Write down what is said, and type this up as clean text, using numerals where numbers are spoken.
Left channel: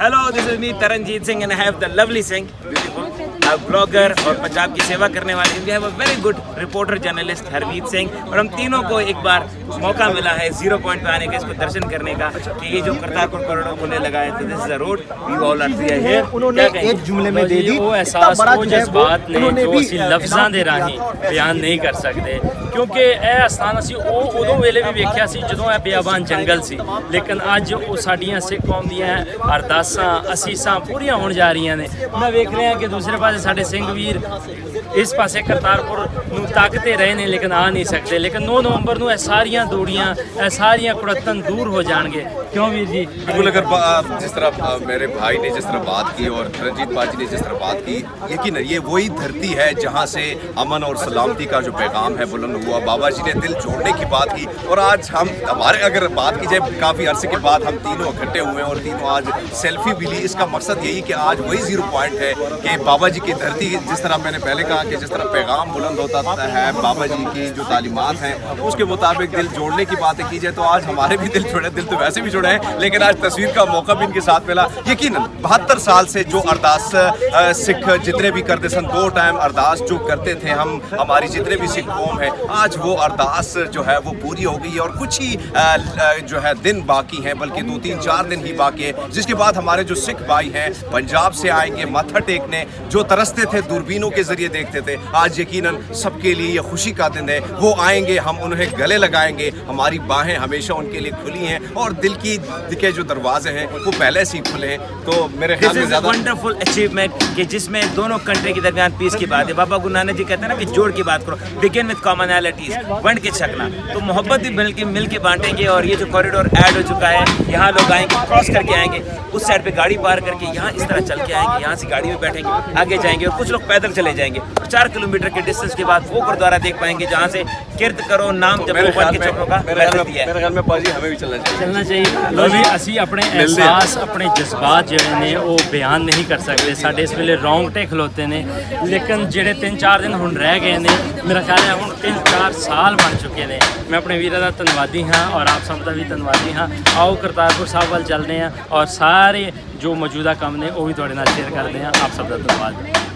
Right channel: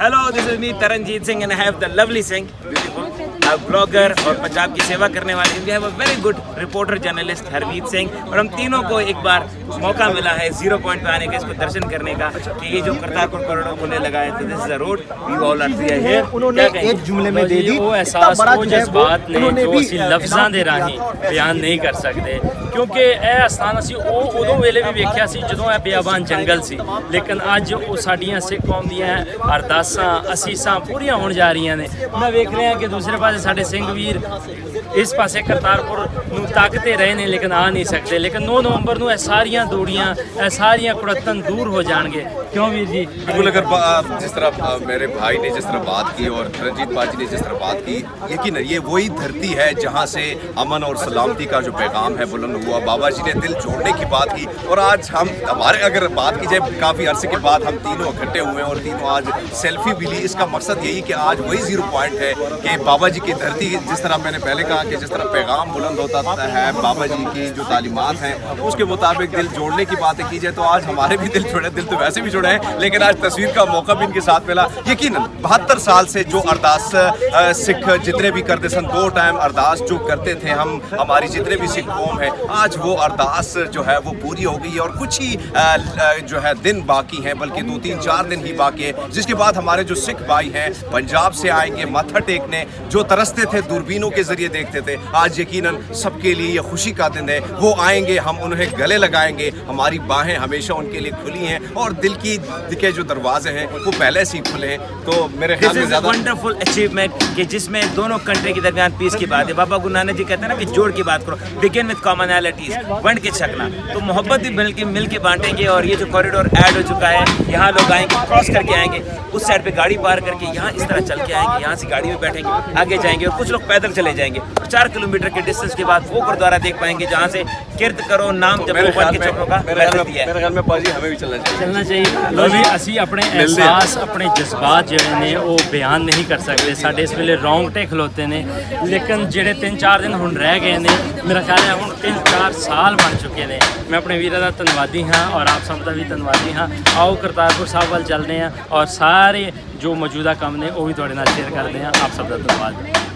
Hello, this is me Taranjeet Singh and I have the lovely Singh, beautiful blogger और पंजाब की सेवा करने वाले। We have a very good reporter journalist Harmeet Singh, और हम तीनों को एक बार मौका मिला है 0 पॉइंट पे आने का, इसको दर्शन करने का कि ये जो करतारपुर कॉरिडोर उन्होंने लगाया था, this is a road we all are here. उन्होंने एक जुमले में दे दी वो एहसास वो जज्बात ने जो ਅਸੀਂ ਲਫ਼ਜ਼ਾਂ ਦੇ ਰਾਹੀਂ ਬਿਆਨ ਨਹੀਂ ਕਰ ਸਕਦੇ, ਕਿਉਂਕਿ ਇਹ ਸਥਾਨ ਅਸੀਂ ਉਹ ਉਦੋਂ ਵੇਲੇ ਵੀ ਵੇਖਿਆ ਸੀ ਜਦੋਂ ਇਹ ਬਿਆਬਾਨ ਜੰਗਲ ਸੀ, ਲੇਕਿਨ ਅੱਜ ਉਹ ਸਾਡੀਆਂ ਸਿੱਖ ਕੌਮ ਦੀਆਂ ਅਰਦਾਸਾਂ ਅਸੀਸਾਂ ਪੂਰੀਆਂ ਹੋਣ ਜਾ ਰਹੀਆਂ ਨੇ। ਮੈਂ ਵੇਖ ਰਿਹਾ ਕਿ ਦੂਸਰੇ ਪਾਸੇ ਸਾਡੇ ਸਿੰਘ ਵੀਰ ਇਸ ਪਾਸੇ ਕਰਤਾਰਪੁਰ ਨੂੰ ਤਾਕਦੇ ਰਹੇ ਨੇ, ਲੇਕਿਨ ਆ ਨਹੀਂ ਸਕਦੇ। ਲੇਕਿਨ 9 ਨਵੰਬਰ ਨੂੰ ਇਹ ਸਾਰੀਆਂ ਦੂੜੀਆਂ ਇਹ ਸਾਰੀਆਂ ਕੁੜੱਤਨ दूर हो जाएंगे, क्यों वीर जी? बिल्कुल, अगर जिस तरह मेरे भाई ने जिस तरह बात की और रंजीत बाजी ने जिस तरह बात की, यकीन ये वही धरती है जहाँ से अमन और सलामती का जो पैगाम है बुलंद हुआ। बाबा जी ने दिल जोड़ने की बात की, और आज हम हमारे अगर बात की जाए काफ़ी अरसे के बाद हम तीनों इकट्ठे हुए हैं और तीनों आज सेल्फी भी ली। इसका मकसद यही कि आज वही 0 पॉइंट है कि बाबा जी की धरती, जिस तरह मैंने पहले कहा कि जिस तरह पैगाम बुलंद होता है बाबा जी की जो तालीमात हैं उसके मुताबिक दिल जोड़ने की बातें की जाए, तो आज हमारे भी दिल जुड़े, दिल तो वैसे भी जुड़े हैं, लेकिन आज तस्वीर का मौका भी इनके साथ मिला। यकीनन 72 साल से जो अरदास सिख जितने भी करते सन, 2 टाइम अरदास जो करते थे हम, हमारी जितने भी सिख कौम है, आज वो अरदास जो है वो पूरी हो गई है, और कुछ ही जो है दिन बाकी हैं, बल्कि 2, 3, 4 दिन ही बाकी है, जिसके बाद हमारे जो सिख भाई हैं पंजाब से आएंगे माथा टेकने। जो तरसते थे दूरबीनों के जरिए देखते थे, आज यकीनन सबके लिए ये खुशी का दिन है। वो आएंगे, हम उन्हें गले लगाएंगे, हमारी बाहें हमेशा उनके लिए खुली हैं, और दिल के जो दरवाजे हैं वो पहले से ही खुले हैं। तो मेरे ख्याल में ज़्यादा वंडरफुल अचीवमेंट कि जिसमें दोनों कंट्री के दरमियान पीस की बात है। बाबा गुरु नानक जी कहते हैं ना कि जोड़ की बात करो, बिगिन विद कॉमनैलिटीज, वंड के छकना, तो मोहब्बत भी मिल के बांटेंगे। और ये जो कॉरिडोर ऐड हो चुका है, यहाँ लोग आएंगे, क्रॉस करके आएंगे, उस साइड पे गाड़ी पार करके यहाँ इस तरह चल के आएंगे, यहाँ से गाड़ी में बैठेंगे, आगे जाएंगे, और कुछ लोग पैदल चले जाएंगे, और 4 किलोमीटर के डिस्टेंस के बाद वो गुरुद्वारा देख पाएंगे जहाँ से किरत करो नाम जपो के चौकों का मैसेज दिया है। मेरे ख्याल में पाजी हमें भी चलना चाहिए। ਲੋ ਵੀ ਅਸੀਂ ਆਪਣੇ ਅਹਿਸਾਸ ਆਪਣੇ ਜਜ਼ਬਾਤ ਜਿਹੜੇ ਨੇ ਉਹ ਬਿਆਨ ਨਹੀਂ ਕਰ ਸਕਦੇ। ਸਾਡੇ ਇਸ ਵੇਲੇ ਰੌਂਗਟੇ ਖਲੋਤੇ ਨੇ, ਲੇਕਿਨ ਜਿਹੜੇ 3-4 ਦਿਨ ਹੁਣ ਰਹਿ ਗਏ ਨੇ, ਮੇਰਾ ਖਿਆਲ ਹੈ ਹੁਣ 3-4 ਸਾਲ ਬਣ ਚੁੱਕੇ ਨੇ। ਮੈਂ ਆਪਣੇ ਵੀਰਾਂ ਦਾ ਧੰਨਵਾਦੀ ਹਾਂ, ਔਰ ਆਪ ਸਭ ਦਾ ਵੀ ਧੰਨਵਾਦੀ ਹਾਂ। ਆਓ ਕਰਤਾਰਪੁਰ ਸਾਹਿਬ ਵੱਲ ਚੱਲਦੇ ਹਾਂ, ਔਰ ਸਾਰੇ ਜੋ ਮੌਜੂਦਾ ਕੰਮ ਨੇ ਉਹ ਵੀ ਤੁਹਾਡੇ ਨਾਲ ਸ਼ੇਅਰ ਕਰਦੇ ਹਾਂ। ਆਪ ਸਭ ਦਾ ਧੰਨਵਾਦ।